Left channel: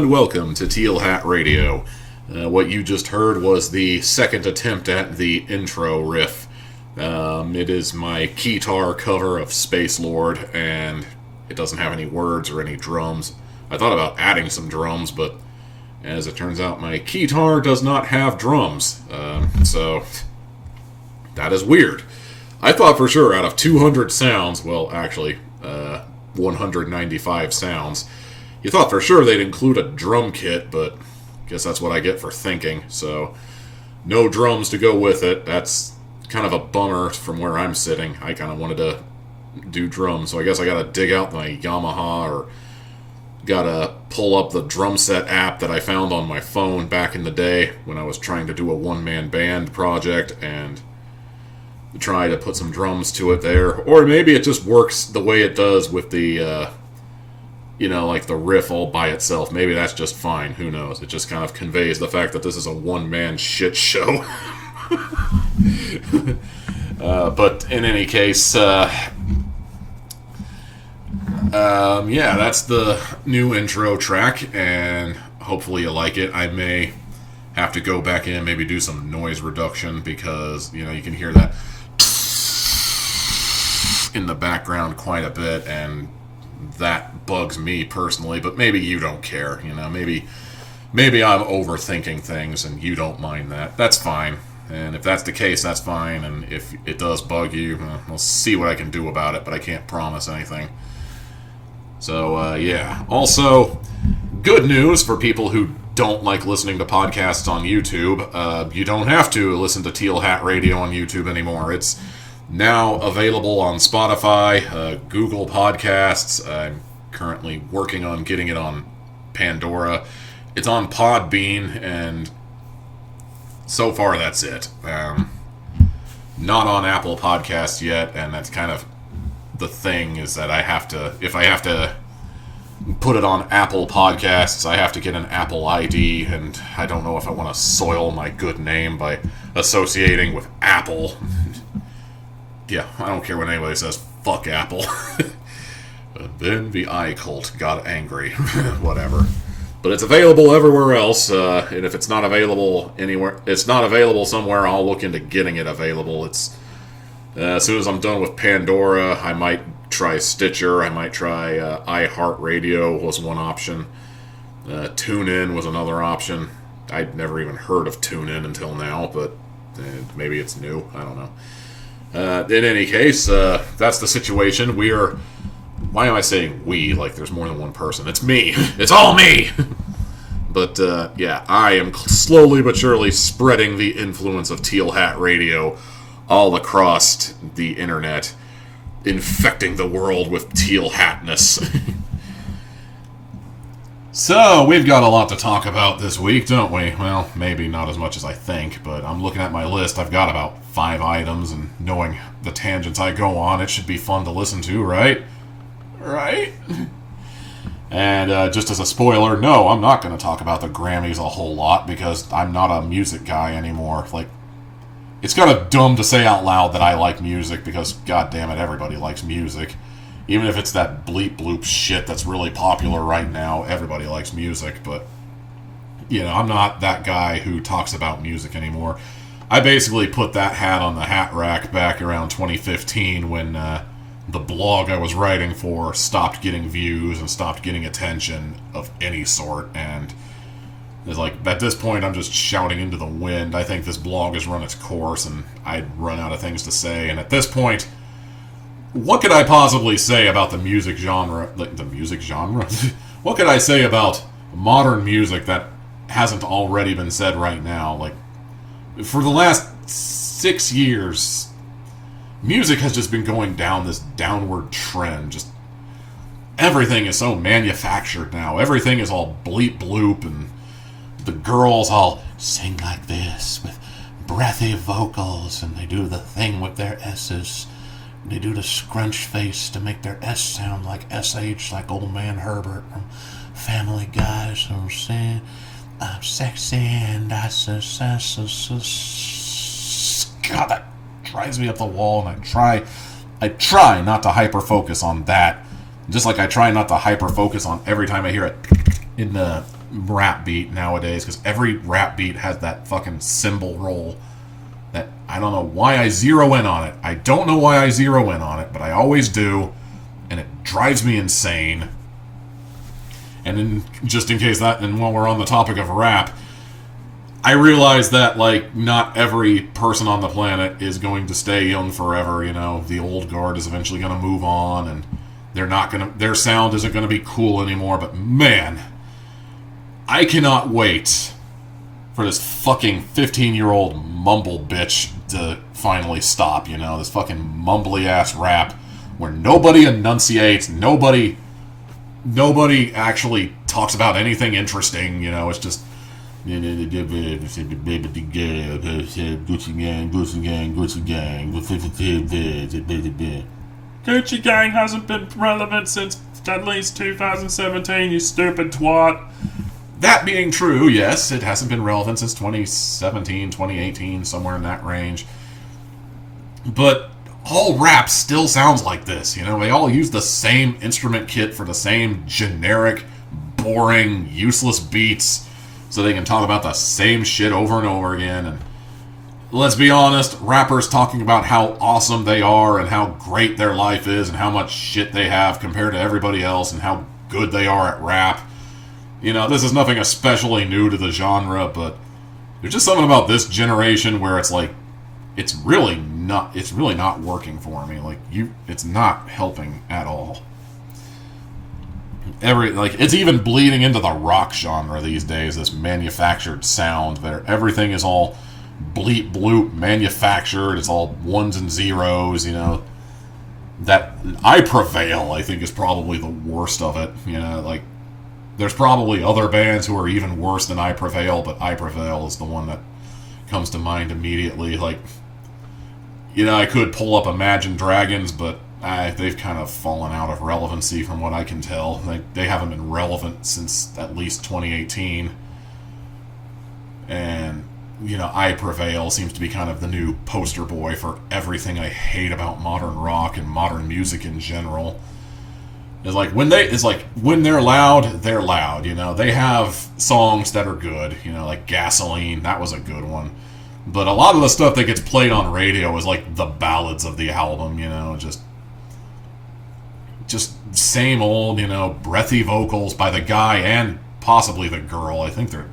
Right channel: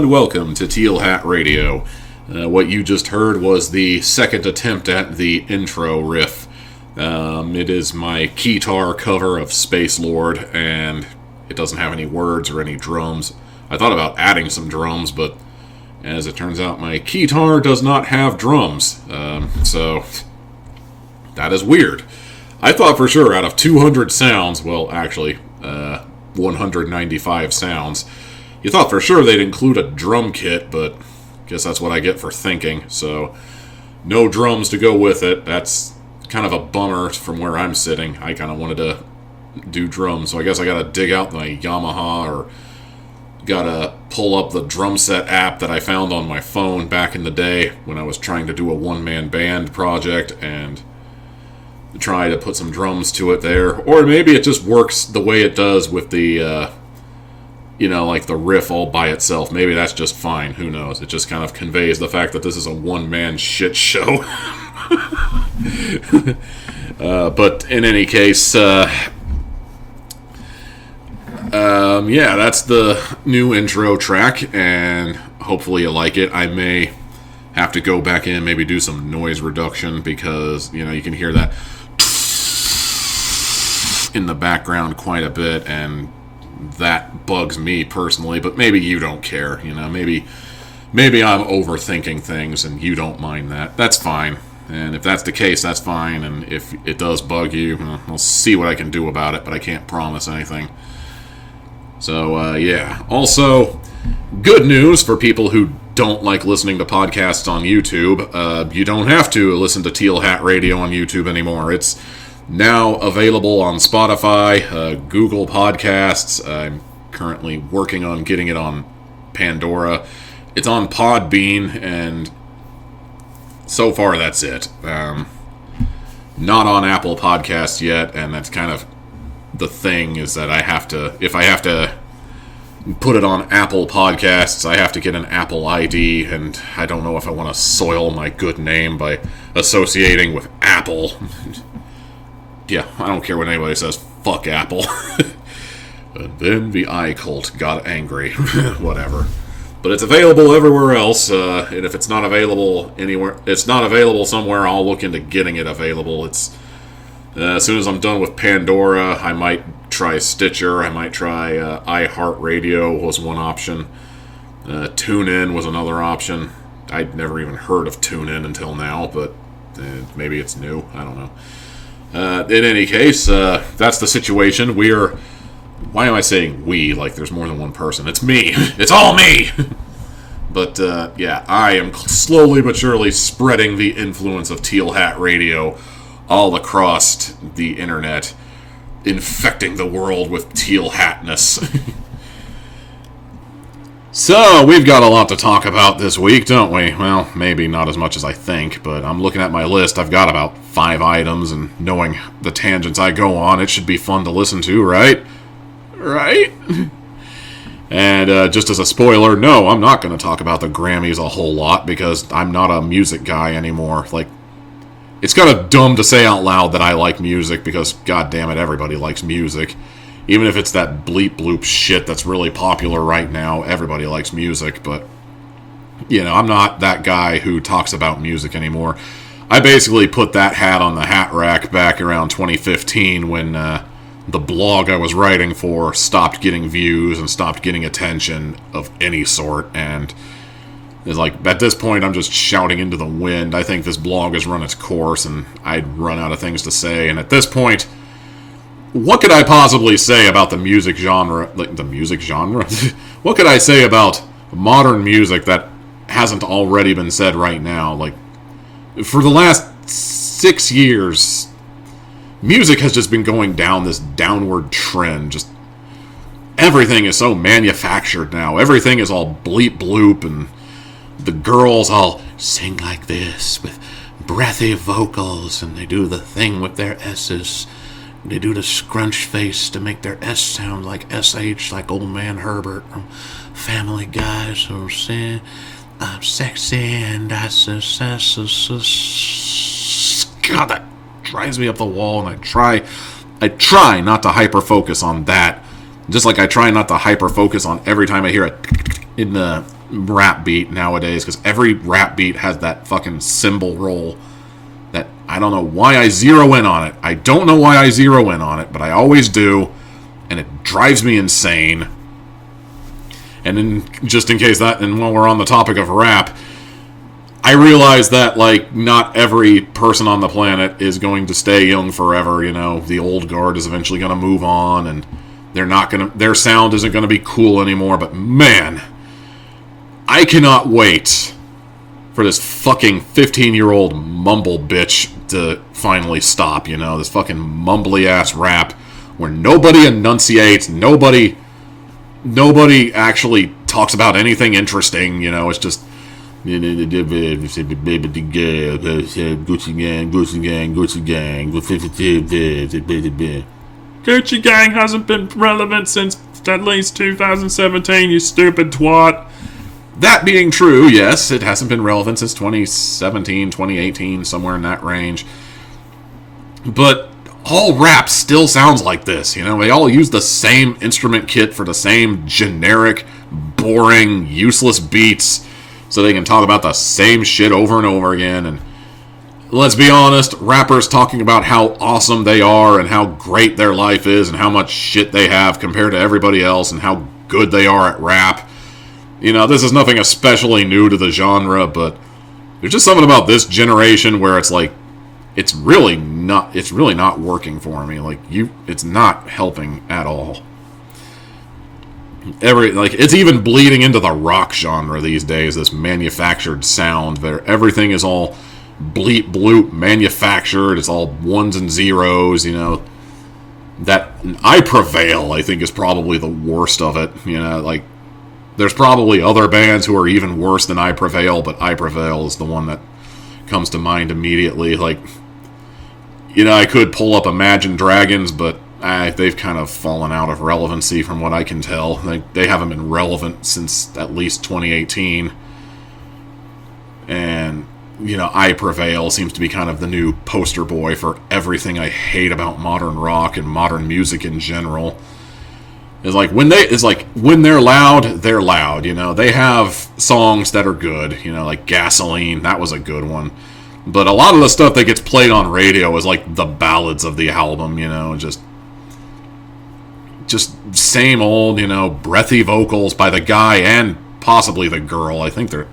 and welcome to Teal Hat Radio. What you just heard was the second attempt at the intro riff. It is my keytar cover of Space Lord, and it doesn't have any words or any drums. I thought about adding some drums, but as it turns out, my keytar does not have drums. So that is weird. I thought for sure out of 200 sounds, well, actually, 195 sounds, you thought for sure they'd include a drum kit, but I guess that's what I get for thinking. So, no drums to go with it. That's kind of a bummer from where I'm sitting. I kind of wanted to do drums, so I guess I gotta dig out my Yamaha or gotta pull up the drum set app that I found on my phone back in the day when I was trying to do a one-man band project and try to put some drums to it there. Or maybe it just works the way it does with the like the riff all by itself. Maybe that's just fine. Who knows? It just kind of conveys the fact that this is a one-man shit show. But in any case, that's the new intro track, and hopefully you like it. I may have to go back in, maybe do some noise reduction, because, you can hear that in the background quite a bit, and that bugs me personally, but maybe you don't care, maybe I'm overthinking things and you don't mind that. That's fine. And if that's the case, that's fine, and if it does bug you, I'll see what I can do about it, but I can't promise anything. So, Also, good news for people who don't like listening to podcasts on YouTube. You don't have to listen to Teal Hat Radio on YouTube anymore. It's now available on Spotify, Google Podcasts. I'm currently working on getting it on Pandora. It's on Podbean, and so far that's it. Not on Apple Podcasts yet, and that's kind of the thing, is that if I have to put it on Apple Podcasts, I have to get an Apple ID, and I don't know if I want to soil my good name by associating with Apple. Yeah, I don't care what anybody says, fuck Apple. And then the iCult got angry. Whatever. But it's available everywhere else, and if it's not available somewhere, I'll look into getting it available. It's as soon as I'm done with Pandora, I might try Stitcher, I might try iHeartRadio was one option. TuneIn was another option. I'd never even heard of TuneIn until now, but maybe it's new, I don't know. In any case, that's the situation. Why am I saying we, like there's more than one person? It's me. It's all me! But, I am slowly but surely spreading the influence of Teal Hat Radio all across the internet, infecting the world with teal hatness. So, we've got a lot to talk about this week, don't we? Well, maybe not as much as I think, but I'm looking at my list. I've got about 5 items, and knowing the tangents I go on, it should be fun to listen to, right? Right? And just as a spoiler, no, I'm not going to talk about the Grammys a whole lot, because I'm not a music guy anymore. Like, it's kind of dumb to say out loud that I like music, because, goddammit, everybody likes music. Even if it's that bleep bloop shit that's really popular right now, everybody likes music, but, I'm not that guy who talks about music anymore. I basically put that hat on the hat rack back around 2015 when the blog I was writing for stopped getting views and stopped getting attention of any sort, and it's like, at this point, I'm just shouting into the wind. I think this blog has run its course, and I'd run out of things to say, and at this point, what could I possibly say about the music genre? Like, the music genre? What could I say about modern music that hasn't already been said right now? Like, for the last 6 years, music has just been going down this downward trend. Just everything is so manufactured now. Everything is all bleep bloop, and the girls all sing like this with breathy vocals, and they do the thing with their S's. They do the scrunch face to make their S sound like SH, like old man Herbert from Family Guy. So saying, I'm sexy and I God, that drives me up the wall, and I try not to hyper-focus on that. Just like I try not to hyper-focus on every time I hear it in the rap beat nowadays, because every rap beat has that fucking cymbal roll that I don't know why I zero in on it. I don't know why I zero in on it, but I always do, and it drives me insane. And just in case that, and while we're on the topic of rap, I realize that, like, not every person on the planet is going to stay young forever. You know, the old guard is eventually going to move on, and their sound isn't going to be cool anymore. But man, I cannot wait for this fucking 15-year-old mumble bitch to finally stop. You know, this fucking mumbly ass rap where nobody enunciates, nobody actually talks about anything interesting. You know, it's just Gucci gang hasn't been relevant since at least 2017, you stupid twat. That being true, yes, it hasn't been relevant since 2017, 2018, somewhere in that range. But all rap still sounds like this, you know? They all use the same instrument kit for the same generic, boring, useless beats, so they can talk about the same shit over and over again. And let's be honest, rappers talking about how awesome they are and how great their life is and how much shit they have compared to everybody else and how good they are at rap. You know, this is nothing especially new to the genre, but there's just something about this generation where it's like, it's really not working for me. Like, it's not helping at all. It's even bleeding into the rock genre these days, this manufactured sound where everything is all bleep bloop manufactured, it's all ones and zeros, you know. That I Prevail, I think, is probably the worst of it, you know. Like, there's probably other bands who are even worse than I Prevail, but I Prevail is the one that comes to mind immediately. Like, you know, I could pull up Imagine Dragons, but they've kind of fallen out of relevancy from what I can tell. They haven't been relevant since at least 2018. And, you know, I Prevail seems to be kind of the new poster boy for everything I hate about modern rock and modern music in general. It's like when they're loud, you know. They have songs that are good, you know, like Gasoline, that was a good one. But a lot of the stuff that gets played on radio is like the ballads of the album, you know, just same old, you know, breathy vocals by the guy and possibly the girl. I think they're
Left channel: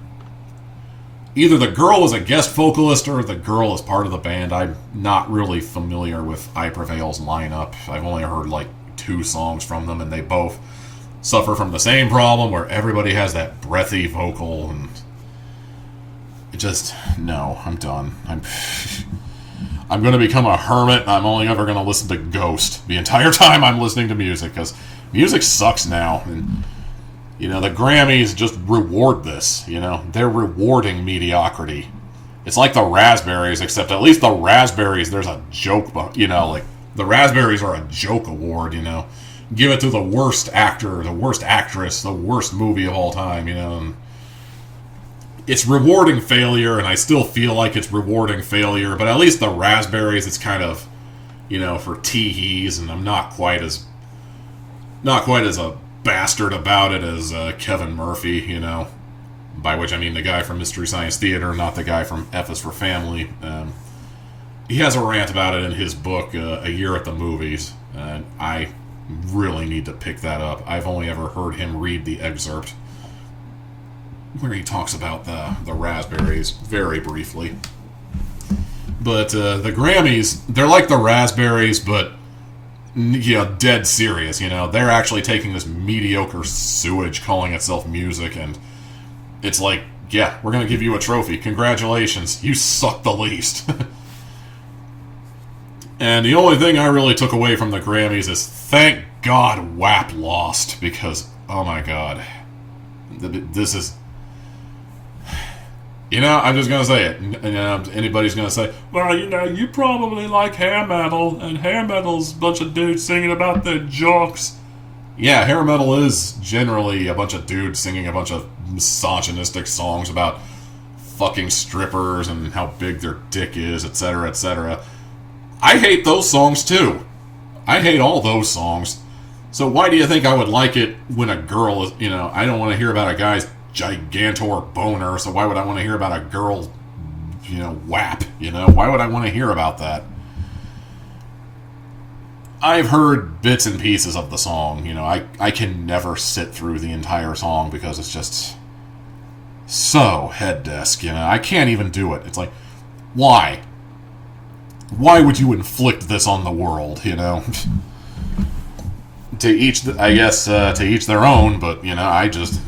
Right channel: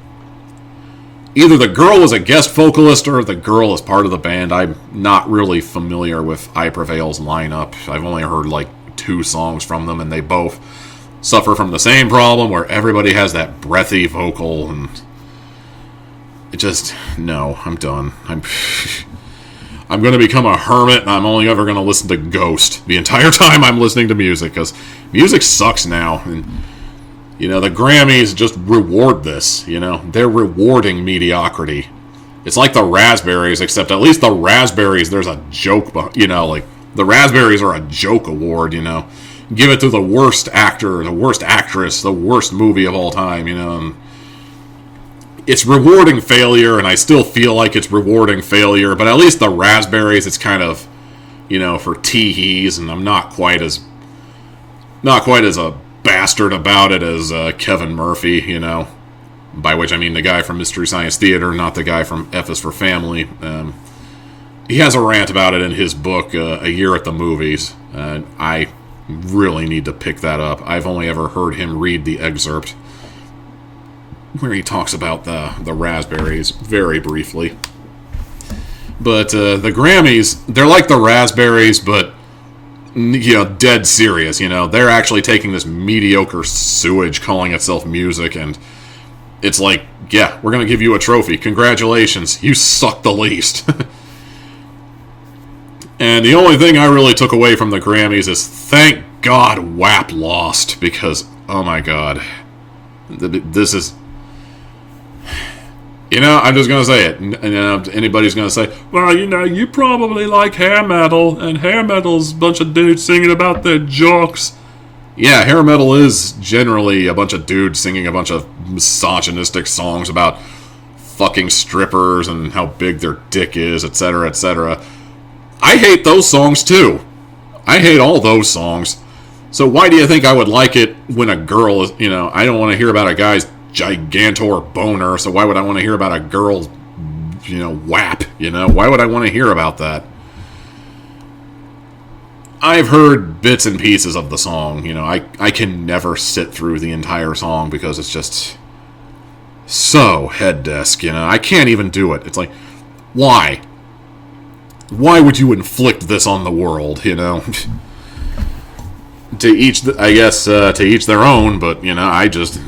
either the girl was a guest vocalist or the girl is part of the band. I'm not really familiar with I Prevail's lineup. I've only heard like 2 songs from them, and they both suffer from the same problem where everybody has that breathy vocal, and it just, no, I'm done. I'm going to become a hermit, and I'm only ever going to listen to Ghost the entire time I'm listening to music, because music sucks now. And, you know, the Grammys just reward this, you know. They're rewarding mediocrity. It's like the Raspberries, except at least the Raspberries, there's a joke, you know, like, the Raspberries are a joke award, you know. Give it to the worst actor, the worst actress, the worst movie of all time, you know. And it's rewarding failure, and I still feel like it's rewarding failure, but at least the Raspberries, it's kind of, you know, for tee-hees, and I'm not quite as a bastard about it as Kevin Murphy, you know, by which I mean the guy from Mystery Science Theater, not the guy from F is for Family. He has a rant about it in his book, A Year at the Movies, and I really need to pick that up. I've only ever heard him read the excerpt where he talks about the Raspberries very briefly. But the Grammys, they're like the Raspberries, but, you know, dead serious, you know. They're actually taking this mediocre sewage calling itself music, and it's like, yeah, we're going to give you a trophy. Congratulations, you suck the least. And the only thing I really took away from the Grammys is, thank God WAP lost, because, oh my God, this is... You know, I'm just going to say it. And, anybody's going to say, well, you know, you probably like hair metal, and hair metal's a bunch of dudes singing about their jocks. Yeah, hair metal is generally a bunch of dudes singing a bunch of misogynistic songs about fucking strippers and how big their dick is, etc., etc. I hate those songs, too. I hate all those songs. So why do you think I would like it when a girl is, you know, I don't want to hear about a guy's gigantor boner, so why would I want to hear about a girl's, WAP, Why would I want to hear about that? I've heard bits and pieces of the song, I can never sit through the entire song because it's just so head desk, I can't even do it. It's like, why? Why would you inflict this on the world, To each, I guess, to each their own, but, I just...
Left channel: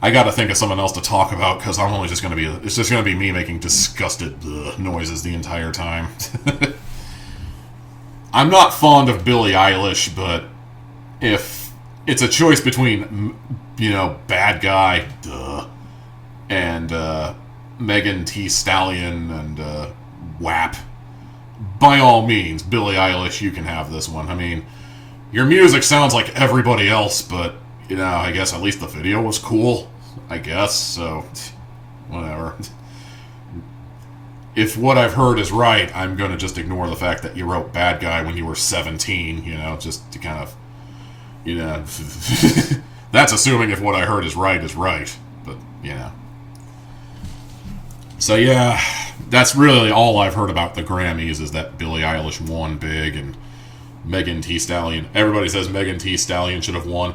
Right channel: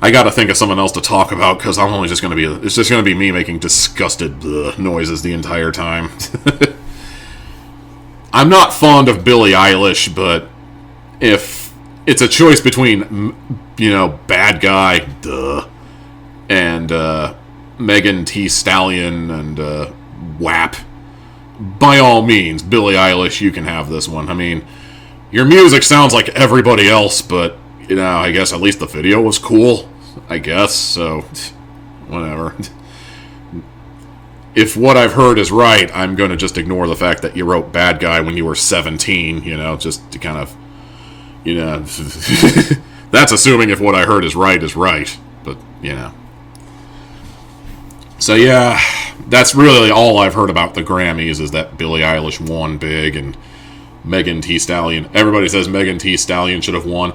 I gotta think of someone else to talk about, because I'm only just gonna be... It's just gonna be me making disgusted noises the entire time. I'm not fond of Billie Eilish, but if it's a choice between, Bad Guy, and, Megan Thee Stallion, and, WAP... By all means, Billie Eilish, you can have this one. I mean, your music sounds like everybody else, but, I guess at least the video was cool. I guess, so, whatever. If what I've heard is right, I'm going to just ignore the fact that you wrote Bad Guy when you were 17, just to kind of, that's assuming if what I heard is right, but, So, yeah, that's really all I've heard about the Grammys, is that Billie Eilish won big, and Megan Thee Stallion. Everybody says Megan Thee Stallion should have won.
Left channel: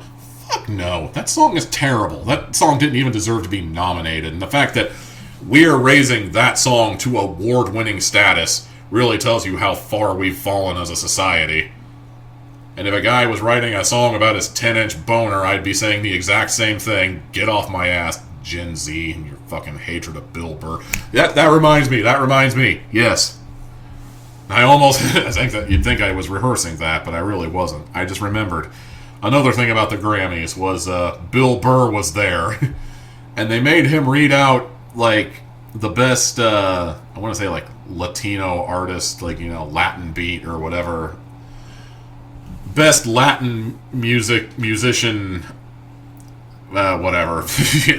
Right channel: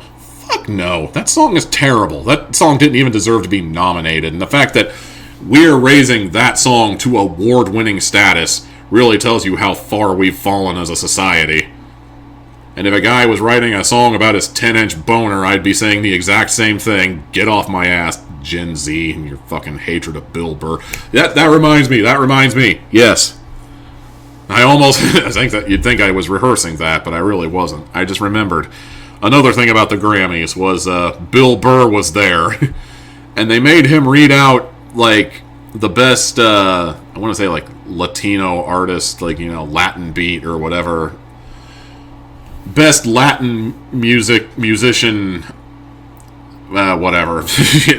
Fuck no. That song is terrible. That song didn't even deserve to be nominated. And the fact that we're raising that song to award-winning status really tells you how far we've fallen as a society. And if a guy was writing a song about his 10-inch boner, I'd be saying the exact same thing. Get off my ass, Gen Z, and your fucking hatred of Bill Burr. That reminds me. Yes. I almost... I think that you'd think I was rehearsing that, but I really wasn't. I just remembered. Another thing about the Grammys was Bill Burr was there. And they made him read out, the best, I want to say, Latino artist, Latin beat or whatever. Best Latin musician, whatever.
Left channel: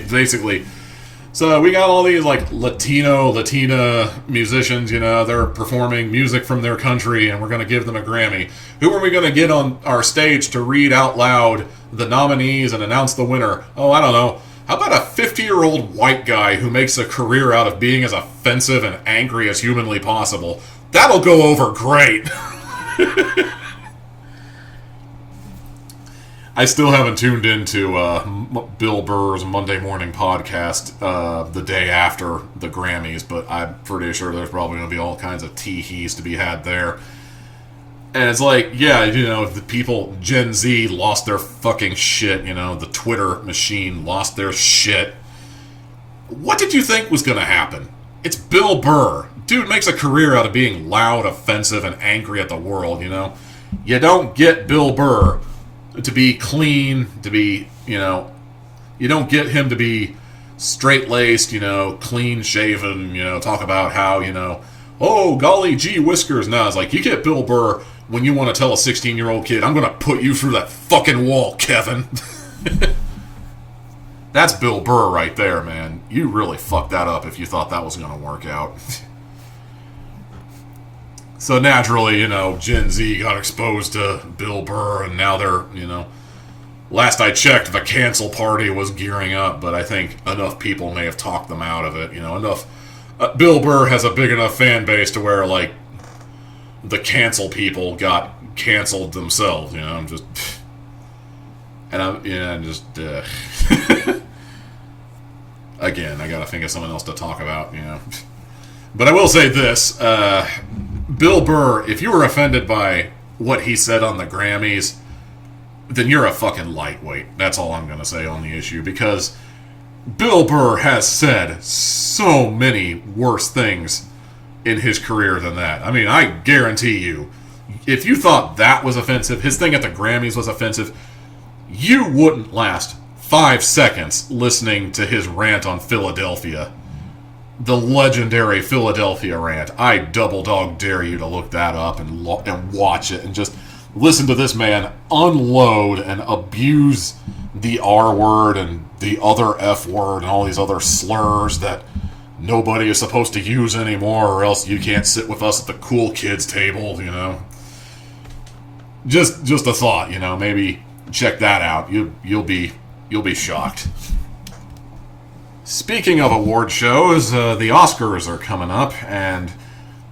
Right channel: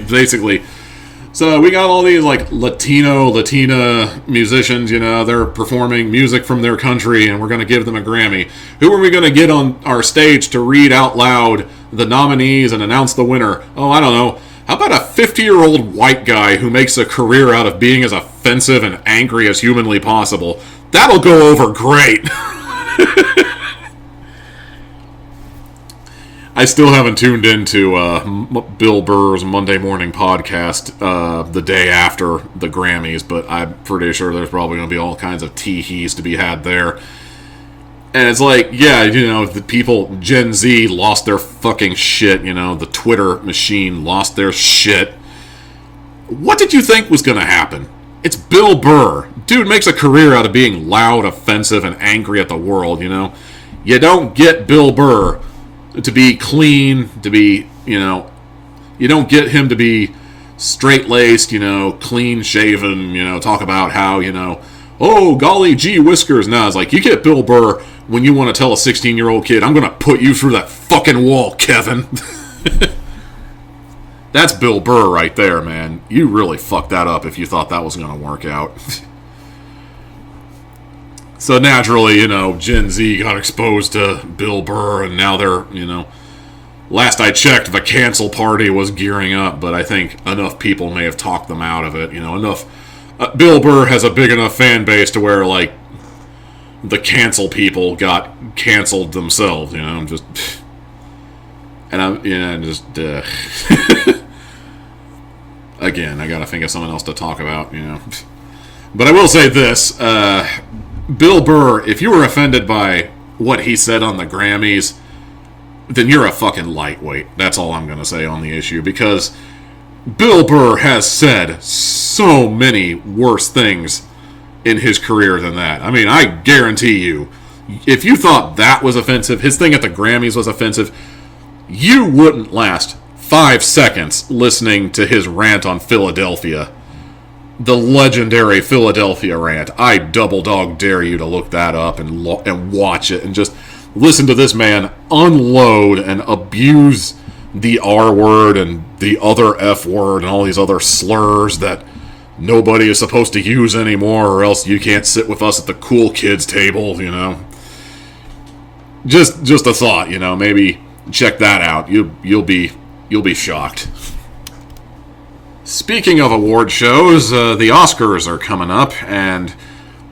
Basically. So we got all these, Latina musicians, they're performing music from their country, and we're going to give them a Grammy. Who are we going to get on our stage to read out loud the nominees and announce the winner? Oh, I don't know. How about a 50-year-old white guy who makes a career out of being as offensive and angry as humanly possible? That'll go over great. I still haven't tuned into Bill Burr's Monday morning podcast the day after the Grammys, but I'm pretty sure there's probably going to be all kinds of tee-hees to be had there. And it's the people, Gen Z, lost their fucking shit, the Twitter machine lost their shit. What did you think was going to happen? It's Bill Burr. Dude makes a career out of being loud, offensive, and angry at the world, You don't get Bill Burr to be clean, to be, you don't get him to be straight-laced, clean-shaven, talk about how, oh, golly gee whiskers. No, it's you get Bill Burr when you want to tell a 16-year-old kid, I'm going to put you through that fucking wall, Kevin. That's Bill Burr right there, man. You really fucked that up if you thought that was going to work out. So naturally, Gen Z got exposed to Bill Burr, and now they're, last I checked, the cancel party was gearing up, but I think enough people may have talked them out of it, enough. Bill Burr has a big enough fan base to where, the cancel people got canceled themselves, just... And I'm, again, I gotta think of someone else to talk about, But I will say this, Bill Burr, if you were offended by what he said on the Grammys, then you're a fucking lightweight. That's all I'm going to say on the issue, because Bill Burr has said so many worse things in his career than that. I mean, I guarantee you, if you thought that was offensive, his thing at the Grammys was offensive, you wouldn't last 5 seconds listening to his rant on Philadelphia. The legendary Philadelphia rant. I double dog dare you to look that up and watch it and just listen to this man unload and abuse the R word and the other F word and all these other slurs that nobody is supposed to use anymore, or else you can't sit with us at the cool kids table, Just a thought, maybe check that out. You'll be You'll be shocked. Speaking of award shows, the Oscars are coming up, and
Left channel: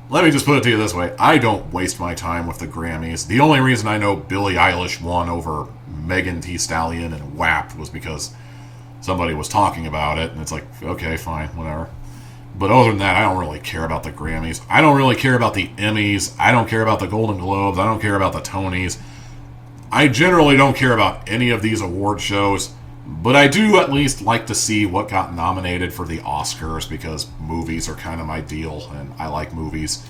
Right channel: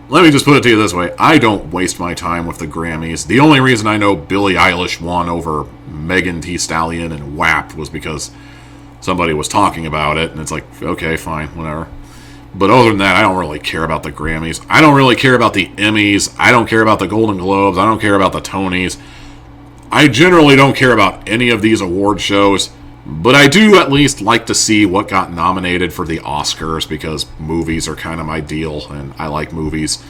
let me just put it to you this way. I don't waste my time with the Grammys. The only reason I know Billie Eilish won over Megan Thee Stallion and WAP was because somebody was talking about it, and it's like, okay, fine, whatever. But other than that, I don't really care about the Grammys. I don't really care about the Emmys. I don't care about the Golden Globes. I don't care about the Tonys. I generally don't care about any of these award shows, but I do at least like to see what got nominated for the Oscars, because movies are kind of my deal, and I like movies.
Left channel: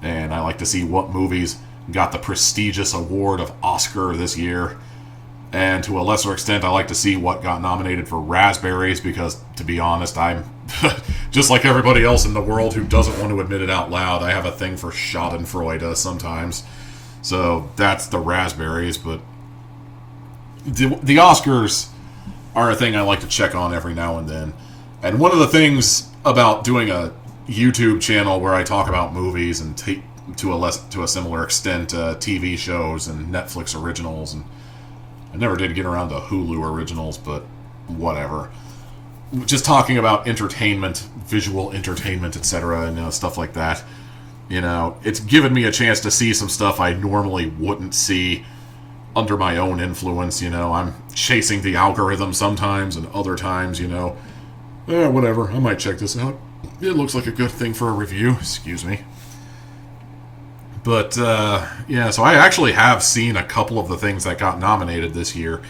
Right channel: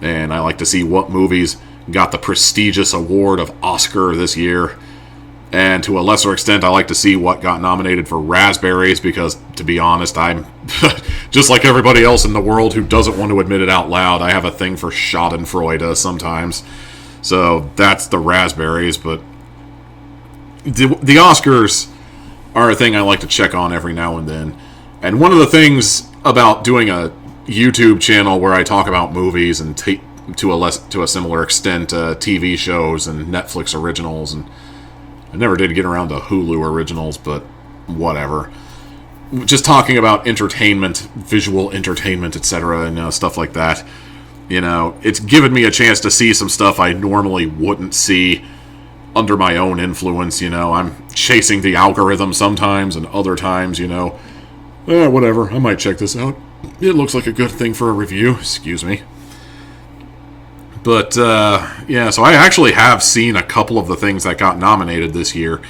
And I like to see what movies got the prestigious award of Oscar this year. And to a lesser extent, I like to see what got nominated for Raspberries, because, to be honest, I'm just like everybody else in the world who doesn't want to admit it out loud. I have a thing for Schadenfreude sometimes. So that's the Raspberries, but the Oscars are a thing I like to check on every now and then. And one of the things about doing a YouTube channel where I talk about movies and to a similar extent TV shows and Netflix originals, and I never did get around to Hulu originals, but whatever. Just talking about entertainment, visual entertainment, etc., and stuff like that. It's given me a chance to see some stuff I normally wouldn't see under my own influence. I'm chasing the algorithm sometimes, and other times, whatever, I might check this out. It looks like a good thing for a review. Excuse me. But, so I actually have seen a couple of the things that got nominated this year.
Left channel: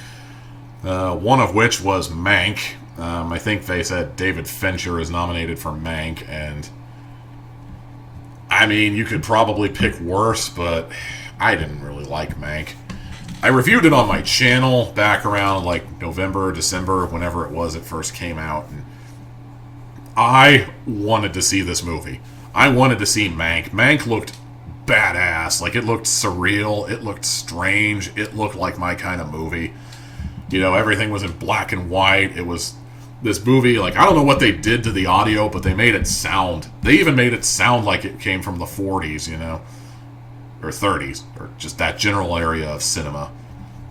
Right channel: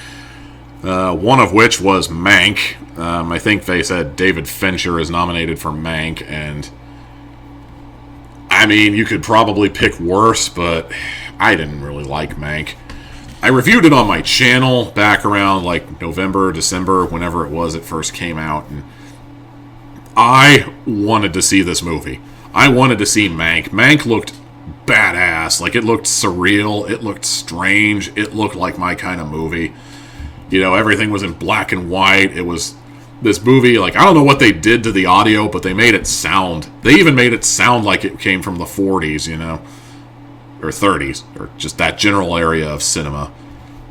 One of which was Mank. I think they said David Fincher is nominated for Mank, and I mean, you could probably pick worse, but I didn't really like Mank. I reviewed it on my channel back around like November, December, whenever it was it first came out, and I wanted to see this movie. I wanted to see Mank. Mank looked badass. Like, it looked surreal. It looked strange. It looked like my kind of movie. Everything was in black and white. It was this movie, like, I don't know what they did to the audio, but they made it sound. They even made it sound like it came from the 40s, or 30s, or just that general area of cinema.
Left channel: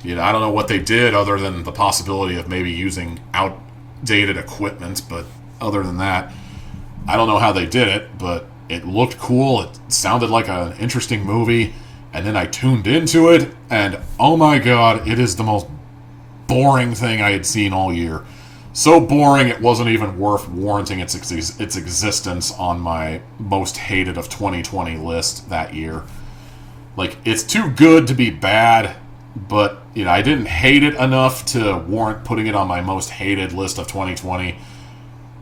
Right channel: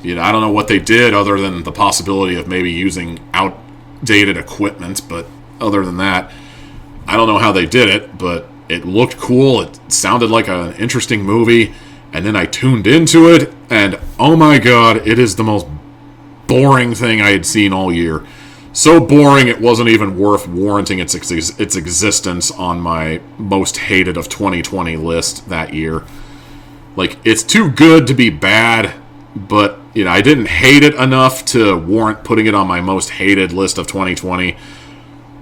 I don't know what they did other than the possibility of maybe using outdated equipment, but other than that, I don't know how they did it, but it looked cool. It sounded like an interesting movie, and then I tuned into it, and oh my god, it is the most boring thing I had seen all year. So boring it wasn't even worth warranting its existence on my most hated of 2020 list that year. Like, it's too good to be bad, but, I didn't hate it enough to warrant putting it on my most hated list of 2020.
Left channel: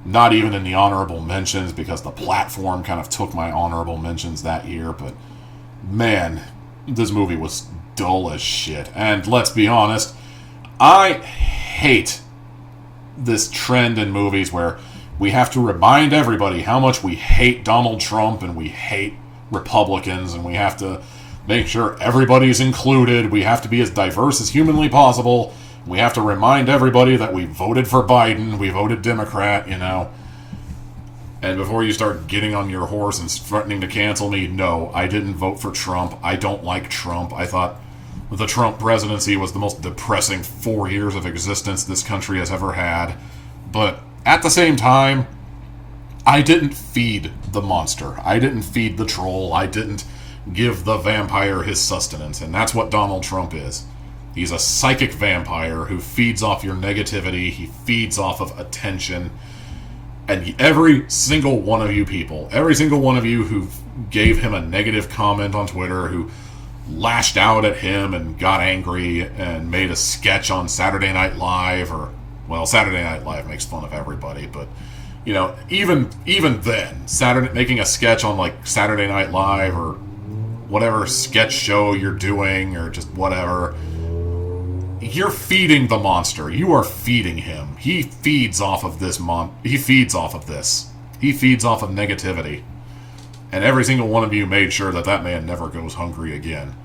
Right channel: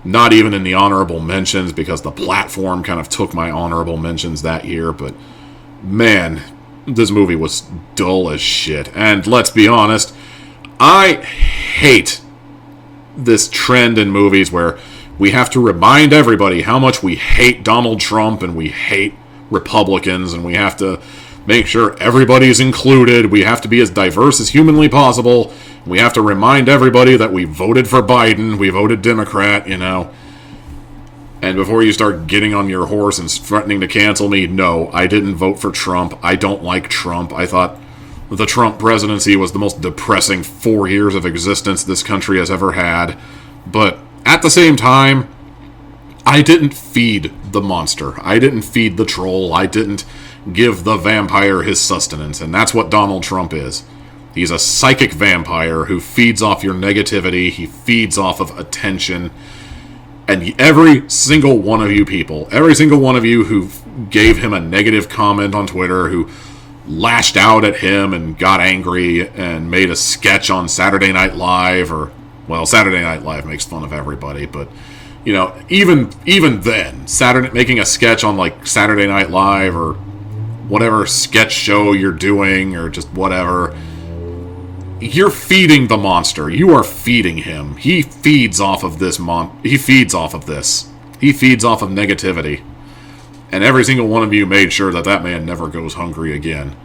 Not even in the honorable mentions, because the platform kind of took my honorable mentions that year, but man, this movie was dull as shit. And let's be honest, I hate this trend in movies where we have to remind everybody how much we hate Donald Trump and we hate Republicans, and we have to make sure everybody's included. We have to be as diverse as humanly possible. We have to remind everybody that we voted for Biden, we voted Democrat, And before you start getting on your horse and threatening to cancel me, no, I didn't vote for Trump. I don't like Trump. I thought the Trump presidency was the most depressing 4 years of existence this country has ever had. But at the same time, I didn't feed the monster. I didn't feed the troll. I didn't give the vampire his sustenance. And that's what Donald Trump is. He's a psychic vampire who feeds off your negativity. He feeds off of attention. And every single one of you people, every single one of you who gave him a negative comment on Twitter, who lashed out at him and got angry and made a sketch on Saturday Night Live, Saturday Night Live makes fun of everybody, but, even then, making a sketch on, like, Saturday Night Live or whatever sketch show you're doing or just whatever, you're feeding the monster. You are feeding him. He feeds off of this. He feeds off of this. He feeds off of negativity. And every single one of you made sure that man never goes hungry again.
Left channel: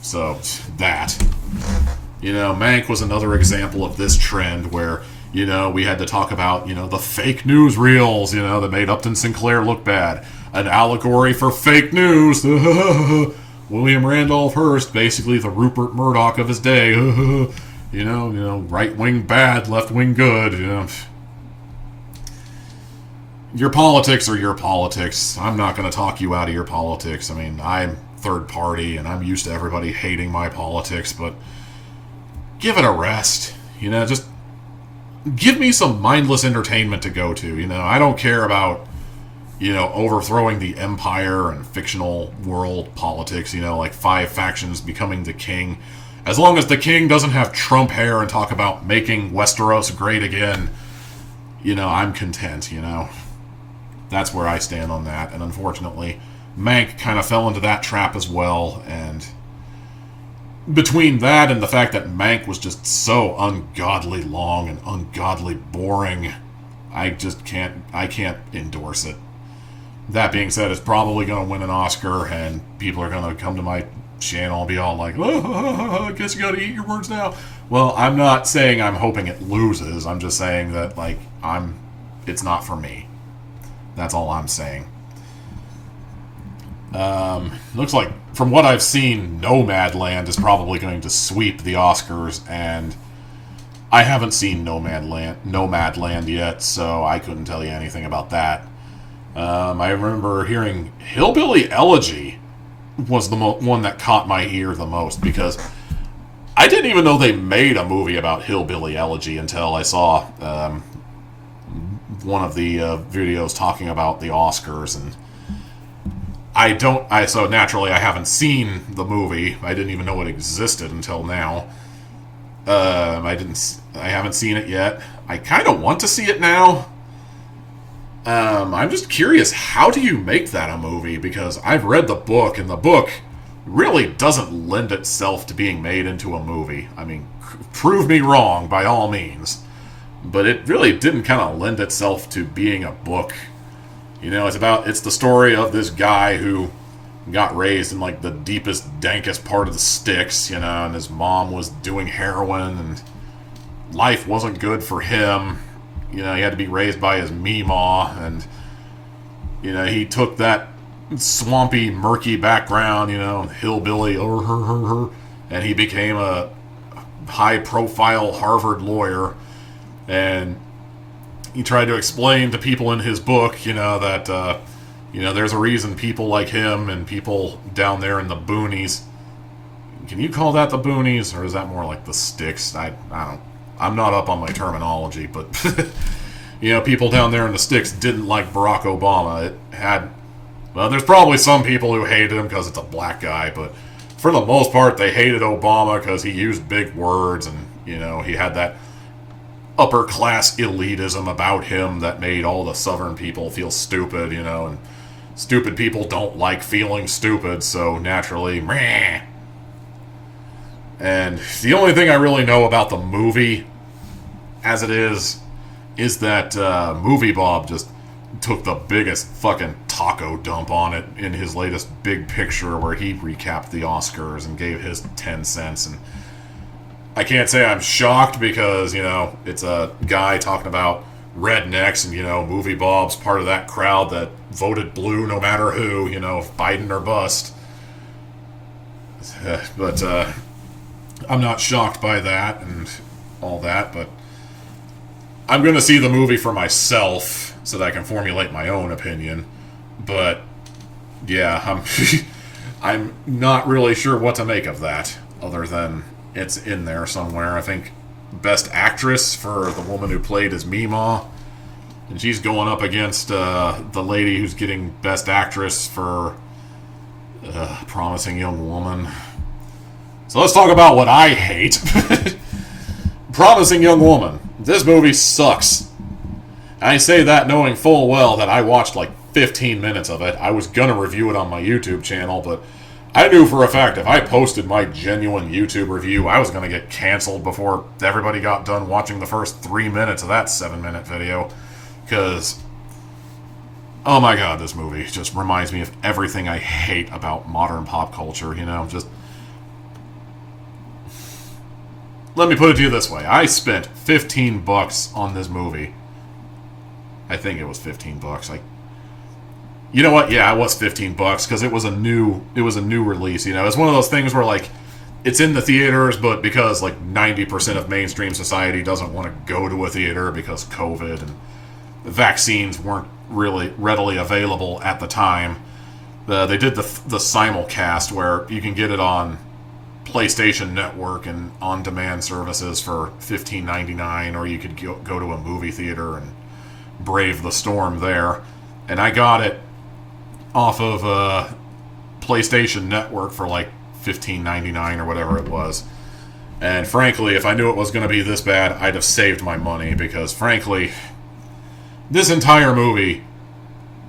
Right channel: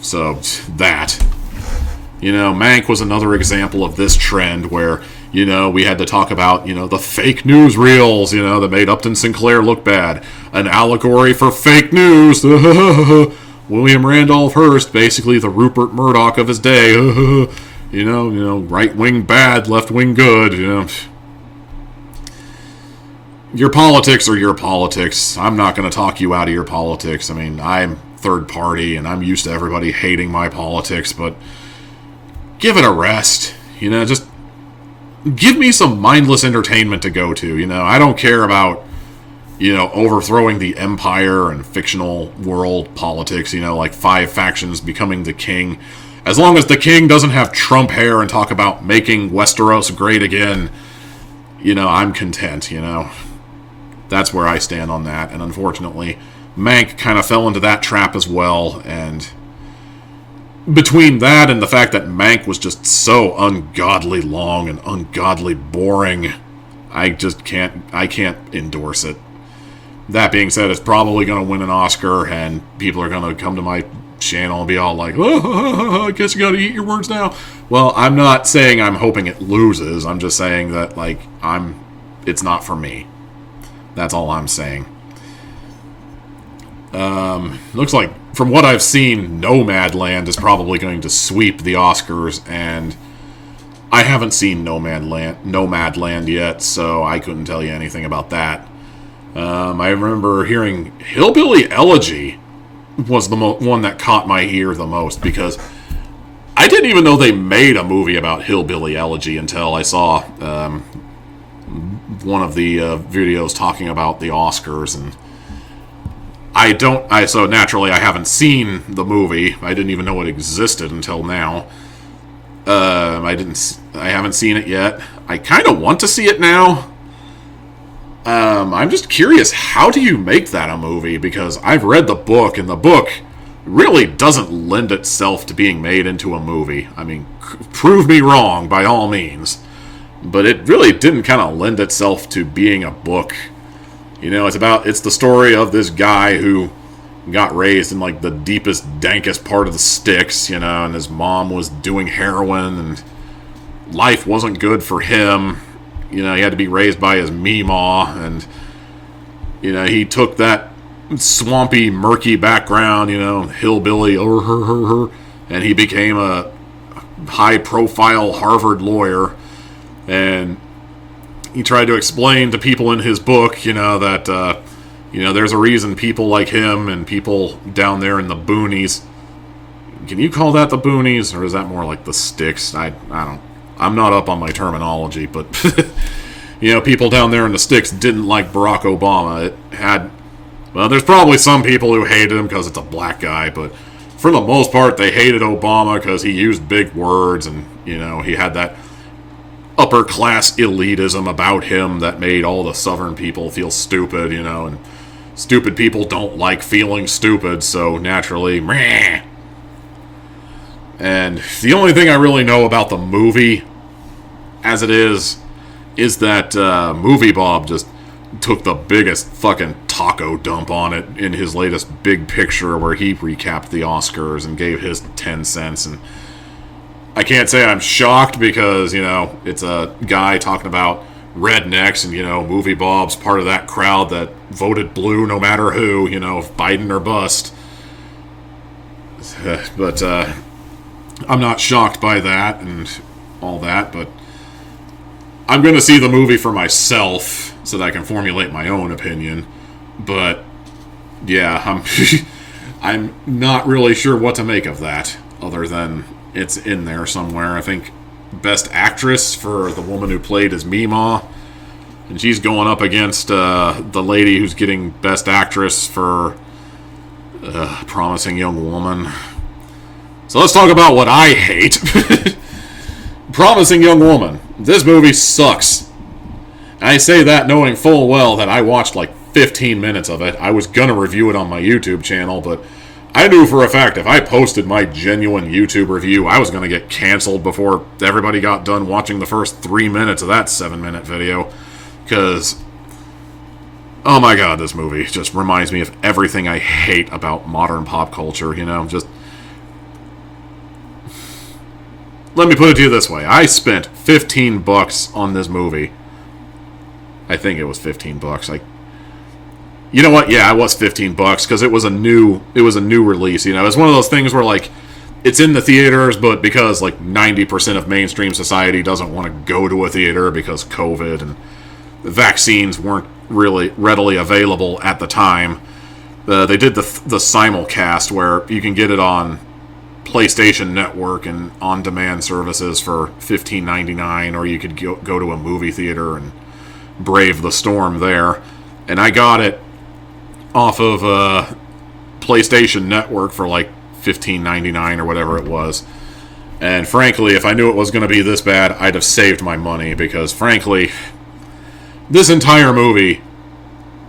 So, that. Mank was another example of this trend where, we had to talk about, the fake news reels, that made Upton Sinclair look bad. An allegory for fake news. William Randolph Hearst, basically the Rupert Murdoch of his day. right wing bad, left wing good. Your politics are your politics. I'm not going to talk you out of your politics. I mean, I'm third party, and I'm used to everybody hating my politics, but give it a rest. Just give me some mindless entertainment to go to. I don't care about, overthrowing the empire and fictional world politics, like 5 factions becoming the king. As long as the king doesn't have Trump hair and talk about making Westeros great again, I'm content, That's where I stand on that. And unfortunately, Mank kind of fell into that trap as well. And between that and the fact that Mank was just so ungodly long and ungodly boring, I can't endorse it. That being said, it's probably going to win an Oscar, and people are going to come to my channel and be all like, oh, I guess you got to eat your words now. Well, I'm not saying I'm hoping it loses. I'm just saying that, it's not for me. That's all I'm saying. Looks like, from what I've seen, Nomadland is probably going to sweep the Oscars, and I haven't seen Nomadland yet, so I couldn't tell you anything about that. I remember hearing Hillbilly Elegy was the one that caught my ear the most, because I didn't even know they made a movie about Hillbilly Elegy until I saw one of the videos talking about the Oscars, and so naturally I haven't seen the movie. I didn't even know it existed until now. I haven't seen it yet. I kind of want to see it now. I'm just curious, how do you make that a movie? Because I've read the book, and the book really doesn't lend itself to being made into a movie. I mean, prove me wrong by all means. But it really didn't kind of lend itself to being a book. It's the story of this guy who got raised in the deepest, dankest part of the sticks, and his mom was doing heroin, and life wasn't good for him. He had to be raised by his meemaw, and he took that swampy, murky background, hillbilly, and he became a high-profile Harvard lawyer. And he tried to explain to people in his book, that, there's a reason people like him and people down there in the boonies. Can you call that the boonies, or is that more like the sticks? I'm not up on my terminology, but, people down there in the sticks didn't like Barack Obama. There's probably some people who hated him because it's a black guy, but for the most part, they hated Obama because he used big words, and, he had that upper class elitism about him that made all the southern people feel stupid, and stupid people don't like feeling stupid, so naturally, meh. And the only thing I really know about the movie, as it is that Movie Bob just took the biggest fucking taco dump on it in his latest Big Picture, where he recapped the Oscars and gave his 10 cents, and I can't say I'm shocked because, it's a guy talking about rednecks, and, Movie Bob's part of that crowd that voted blue no matter who, Biden or bust. But I'm not shocked by that and all that, but I'm going to see the movie for myself so that I can formulate my own opinion. But, yeah, I'm not really sure what to make of that, other than it's in there somewhere. I think Best Actress for the woman who played as Meemaw, and she's going up against the lady who's getting Best Actress for Promising Young Woman. So let's talk about what I hate. Promising Young Woman. This movie sucks. I say that knowing full well that I watched 15 minutes of it. I was gonna review it on my YouTube channel, but I knew for a fact if I posted my genuine YouTube review, I was going to get canceled before everybody got done watching the first 3 minutes of that 7-minute video. Because, oh my god, this movie just reminds me of everything I hate about modern pop culture, just... Let me put it to you this way. I spent $15 on this movie. I think it was $15. You know what? Yeah, it was $15 because it was a new release. It's one of those things where it's in the theaters, but because like 90% of mainstream society doesn't want to go to a theater because COVID and vaccines weren't really readily available at the time, they did the simulcast where you can get it on PlayStation Network and on-demand services for $15.99, or you could go to a movie theater and brave the storm there. And I got it off of PlayStation Network for like $15.99 or whatever it was. And frankly, if I knew it was going to be this bad, I'd have saved my money, because frankly, this entire movie,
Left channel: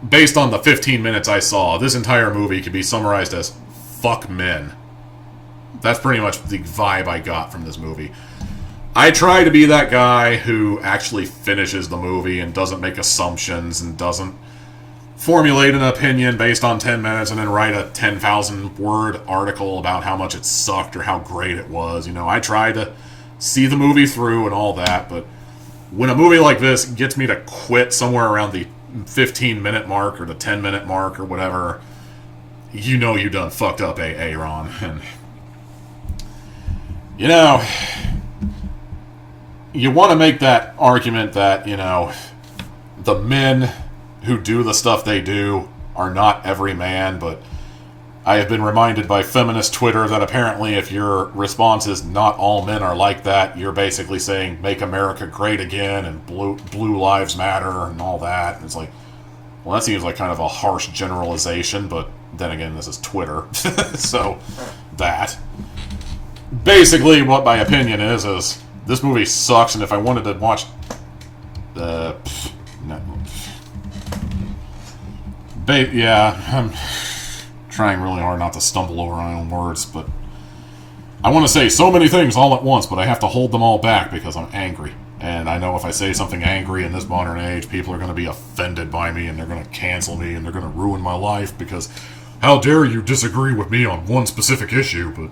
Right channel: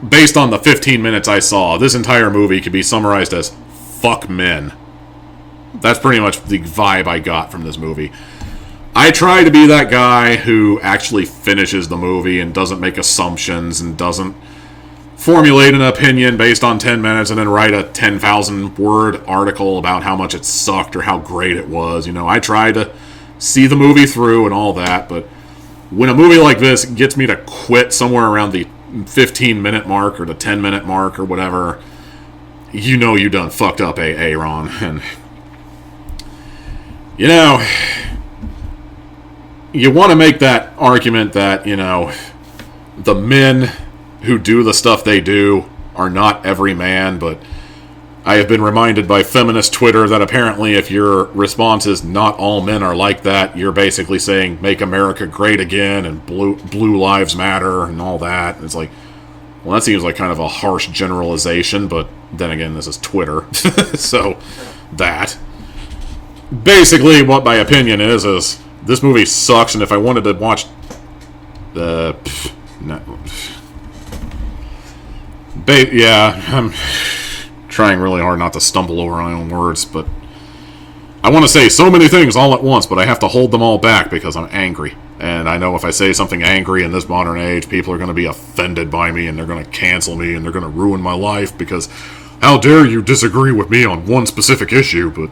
based on the 15 minutes I saw, this entire movie could be summarized as fuck men. That's pretty much the vibe I got from this movie. I try to be that guy who actually finishes the movie and doesn't make assumptions and doesn't formulate an opinion based on 10 minutes and then write a 10,000 word article about how much it sucked or how great it was. You know, I try to see the movie through and all that, but when a movie like this gets me to quit somewhere around the 15-minute mark or the 10-minute mark or whatever, you know you done fucked up, Ron. And you know, you want to make that argument that, you know, the men who do the stuff they do are not every man, but I have been reminded by feminist Twitter that apparently if your response is not all men are like that, you're basically saying make America great again and blue lives matter and all that. And it's like, well, that seems like kind of a harsh generalization, but then again, this is Twitter. So, that. Basically, what my opinion is this movie sucks, and if I wanted to watch yeah, I'm trying really hard not to stumble over my own words, but I want to say so many things all at once, but I have to hold them all back because I'm angry. And I know if I say something angry in this modern age, people are going to be offended by me, and they're going to cancel me, and they're going to ruin my life, because how dare you disagree with me on one specific issue. But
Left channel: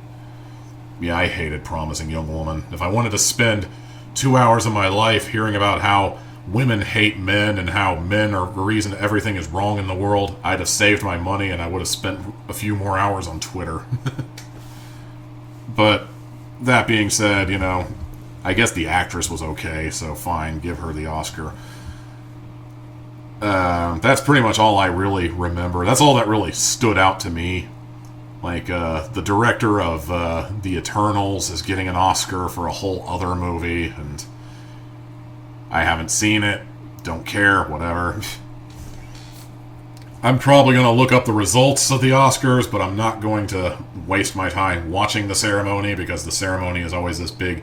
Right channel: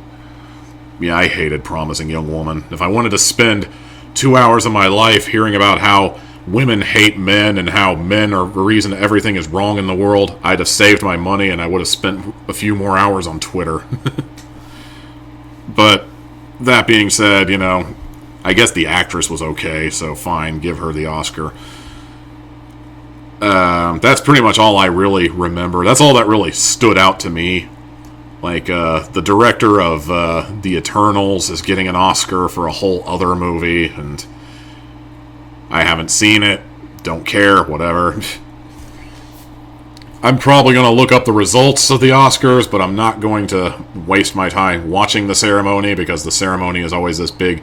yeah, I hated Promising Young Woman. If I wanted to spend 2 hours of my life hearing about how women hate men and how men are the reason everything is wrong in the world, I'd have saved my money and I would have spent a few more hours on Twitter. But that being said, you know, I guess the actress was okay, so fine, give her the Oscar. That's pretty much all I really remember. That's all that really stood out to me. Like, the director of The Eternals is getting an Oscar for a whole other movie, and I haven't seen it, don't care, whatever. I'm probably going to look up the results of the Oscars, but I'm not going to waste my time watching the ceremony, because the ceremony is always this big,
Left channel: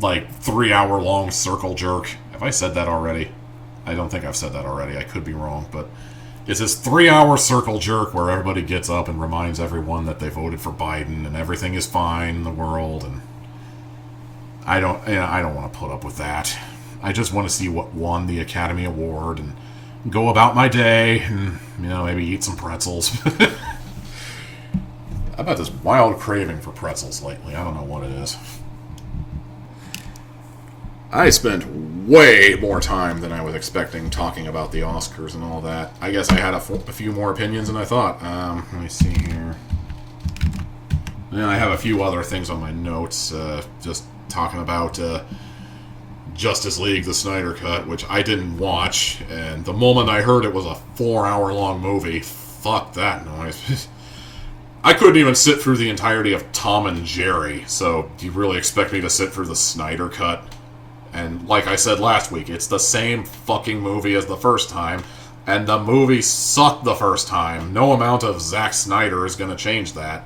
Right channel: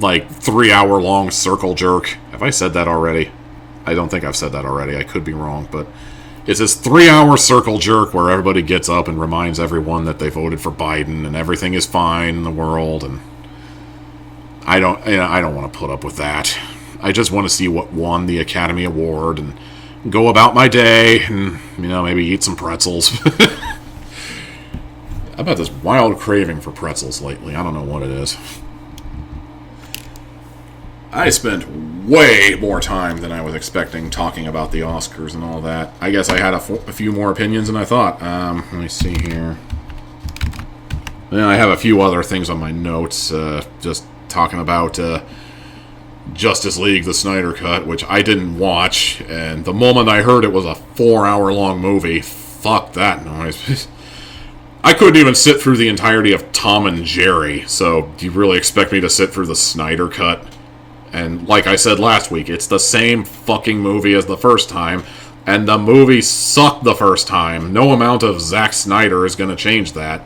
like, 3-hour-long circle jerk. Have I said that already? I don't think I've said that already. I could be wrong, but it's this 3-hour circle jerk where everybody gets up and reminds everyone that they voted for Biden and everything is fine in the world, and I don't want to put up with that. I just want to see what won the Academy Award and go about my day and, you know, maybe eat some pretzels. I've had this wild craving for pretzels lately. I don't know what it is. I spent way more time than I was expecting talking about the Oscars and all that. I guess I had a few more opinions than I thought. Let me see here. Yeah, I have a few other things on my notes. Just talking about Justice League, the Snyder Cut, which I didn't watch. And the moment I heard it was a 4-hour-long movie, fuck that noise. I couldn't even sit through the entirety of Tom and Jerry. So, do you really expect me to sit through the Snyder Cut? And like I said last week, it's the same fucking movie as the first time, and the movie sucked the first time. No amount of Zack Snyder is going to change that.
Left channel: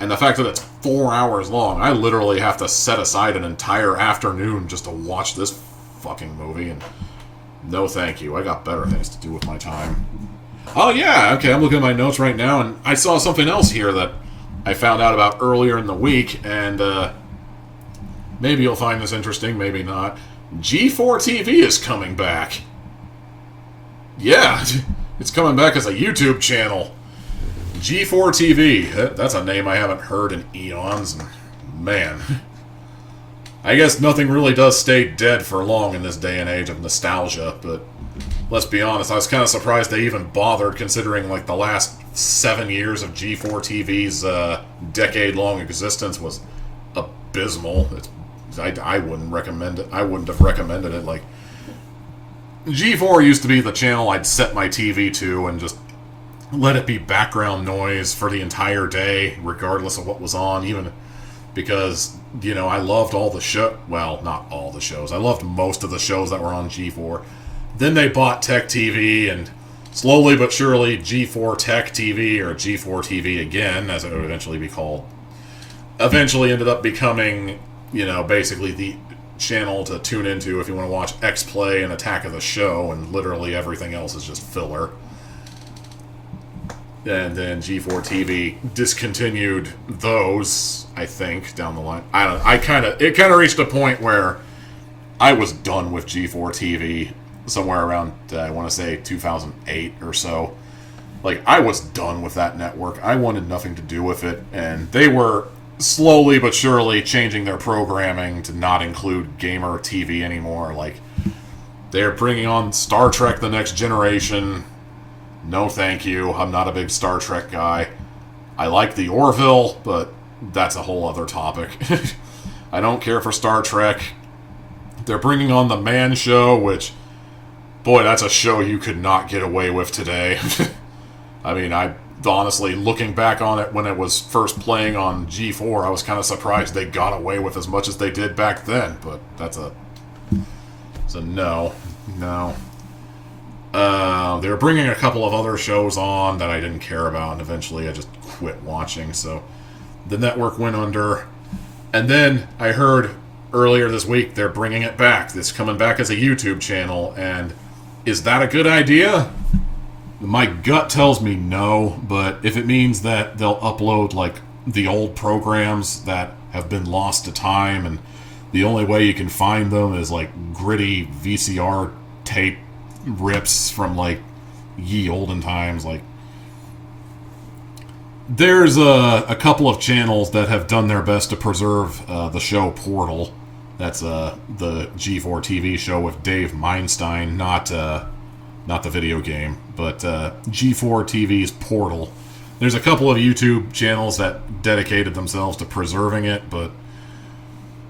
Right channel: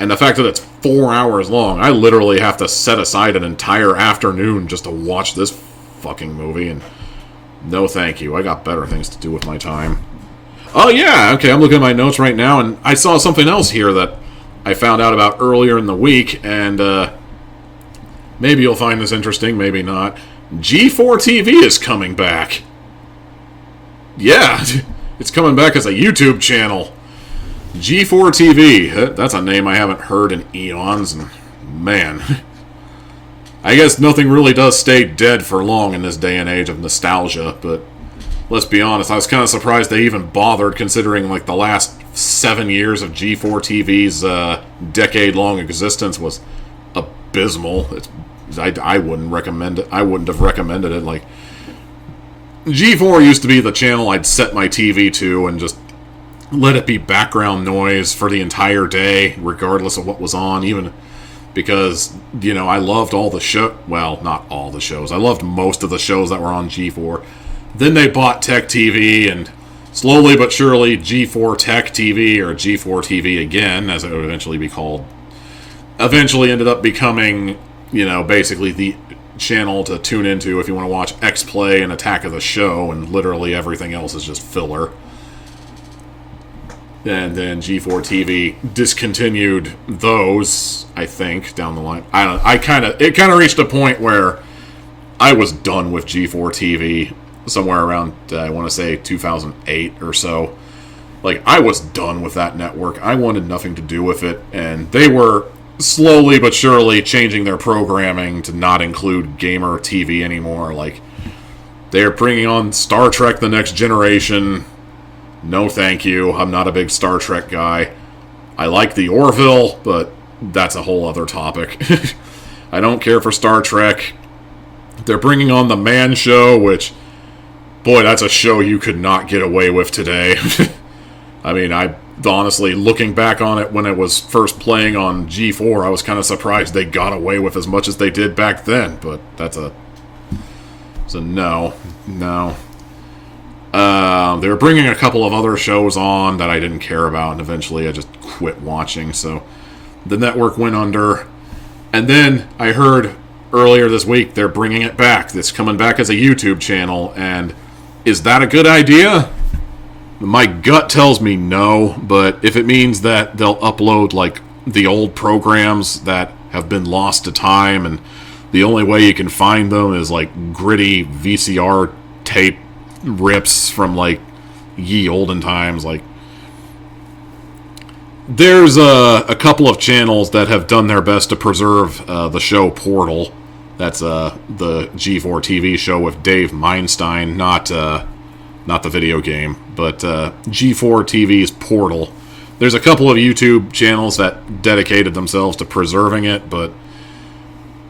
And the fact that it's 4 hours long, I literally have to set aside an entire afternoon just to watch this fucking movie, and no thank you. I got better things to do with my time. Oh yeah, okay, I'm looking at my notes right now, and I saw something else here that I found out about earlier in the week, and maybe you'll find this interesting, maybe not. G4 TV is coming back. Yeah, it's coming back as a YouTube channel. G4 TV. That's a name I haven't heard in eons, and man, I guess nothing really does stay dead for long in this day and age of nostalgia, but let's be honest, I was kind of surprised they even bothered, considering like the last 7 years of G4 TV's decade-long existence was abysmal. I wouldn't recommend it. I wouldn't have recommended it. Like, G4 used to be the channel I'd set my TV to and just let it be background noise for the entire day, regardless of what was on, even because, I loved all the show. Well, not all the shows. I loved most of the shows that were on G4. Then they bought Tech TV, and slowly but surely, G4 Tech TV, or G4 TV again, as it would eventually be called, eventually ended up becoming, basically the channel to tune into if you want to watch X-Play and Attack of the Show, and literally everything else is just filler. And then G4 TV discontinued those, I think, down the line. It kind of reached a point where I was done with G4 TV somewhere around, I want to say 2008 or so. Like, I was done with that network. I wanted nothing to do with it, and they were slowly but surely changing their programming to not include gamer TV anymore. Like, they're bringing on Star Trek The Next Generation. No thank you. I'm not a big Star Trek guy. I like the Orville, but that's a whole other topic. I don't care for Star Trek. They're bringing on The Man Show, which, boy, that's a show you could not get away with today. I mean, honestly, looking back on it when it was first playing on G4, I was kind of surprised they got away with as much as they did back then, but it's a no. They were bringing a couple of other shows on that I didn't care about, and eventually I just quit watching, so the network went under. And then I heard earlier this week they're bringing it back. It's coming back as a YouTube channel, and is that a good idea? My gut tells me no, but if it means that they'll upload, like, the old programs that have been lost to time, and the only way you can find them is, like, gritty VCR tape rips from, like, ye olden times. Like, there's a couple of channels that have done their best to preserve the show Portal. That's the G4 TV show with Dave Meinstein, not the video game, but G4 TV's Portal. There's a couple of YouTube channels that dedicated themselves to preserving it, but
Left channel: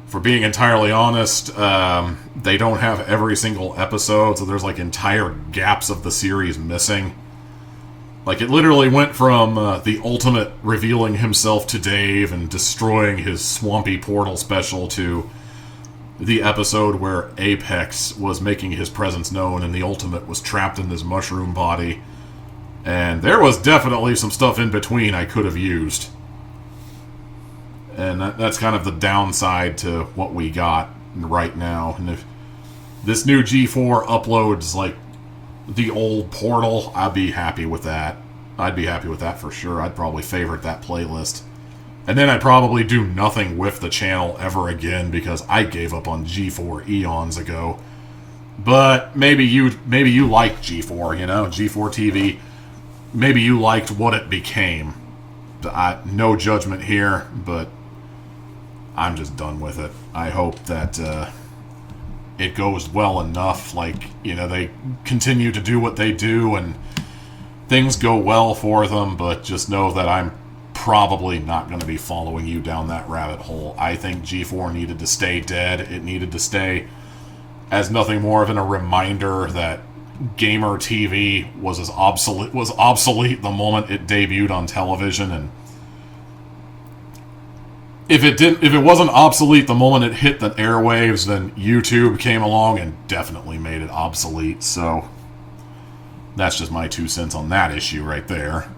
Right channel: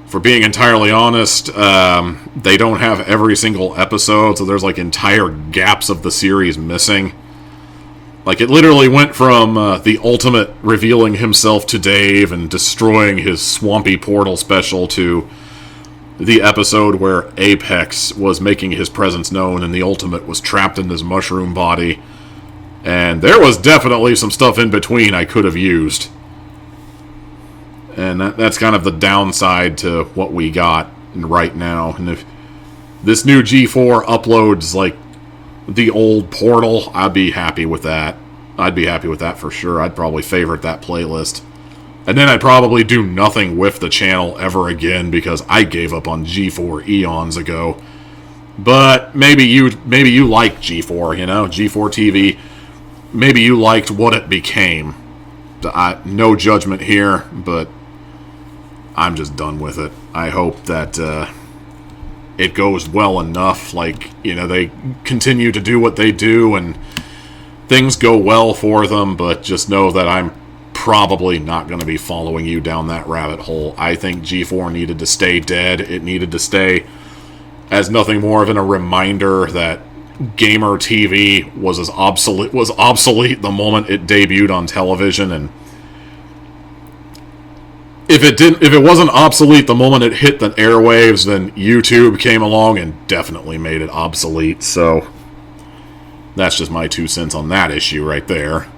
for being entirely honest, they don't have every single episode, so there's like entire gaps of the series missing. Like, it literally went from the Ultimate revealing himself to Dave and destroying his swampy portal special to the episode where Apex was making his presence known and the Ultimate was trapped in his mushroom body. And there was definitely some stuff in between I could have used. And that's kind of the downside to what we got right now. And if this new G4 uploads, like, the old Portal, I'd be happy with that. I'd be happy with that for sure. I'd probably favorite that playlist. And then I'd probably do nothing with the channel ever again because I gave up on G4 eons ago. But maybe you like G4, G4 TV. Maybe you liked what it became. No judgment here, but I'm just done with it. I hope that it goes well enough. Like, they continue to do what they do and things go well for them, but just know that I'm probably not going to be following you down that rabbit hole. I think G4 needed to stay dead. It needed to stay as nothing more than a reminder that gamer TV was obsolete the moment it debuted on television, and if it wasn't obsolete the moment it hit the airwaves, then YouTube came along and definitely made it obsolete. So that's just my 2 cents on that issue right there.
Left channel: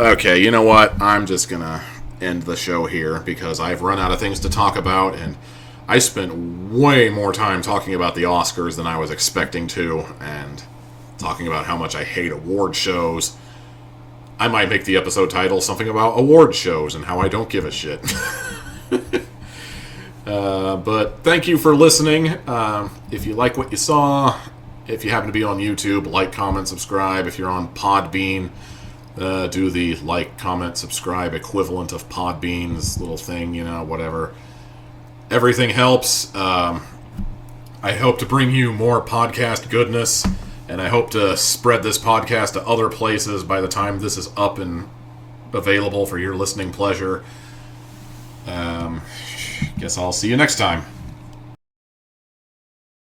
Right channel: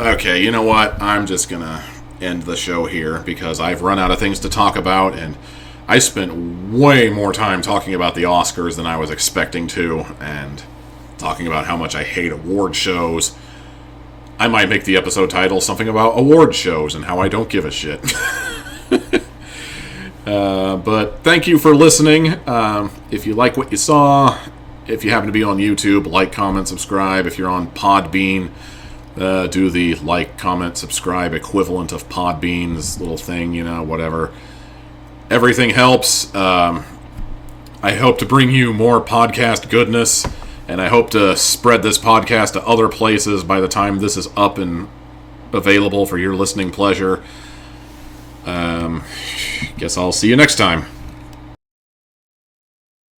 Okay, you know what? I'm just gonna end the show here because I've run out of things to talk about, and I spent way more time talking about the Oscars than I was expecting to, and talking about how much I hate award shows. I might make the episode title something about award shows and how I don't give a shit. But thank you for listening. If you like what you saw, if you happen to be on YouTube, like, comment, subscribe. If you're on Podbean, do the like, comment, subscribe equivalent of Podbean's little thing, whatever. Everything helps. I hope to bring you more podcast goodness And I hope to spread this podcast to other places by the time this is up and available for your listening pleasure. Guess I'll see you next time.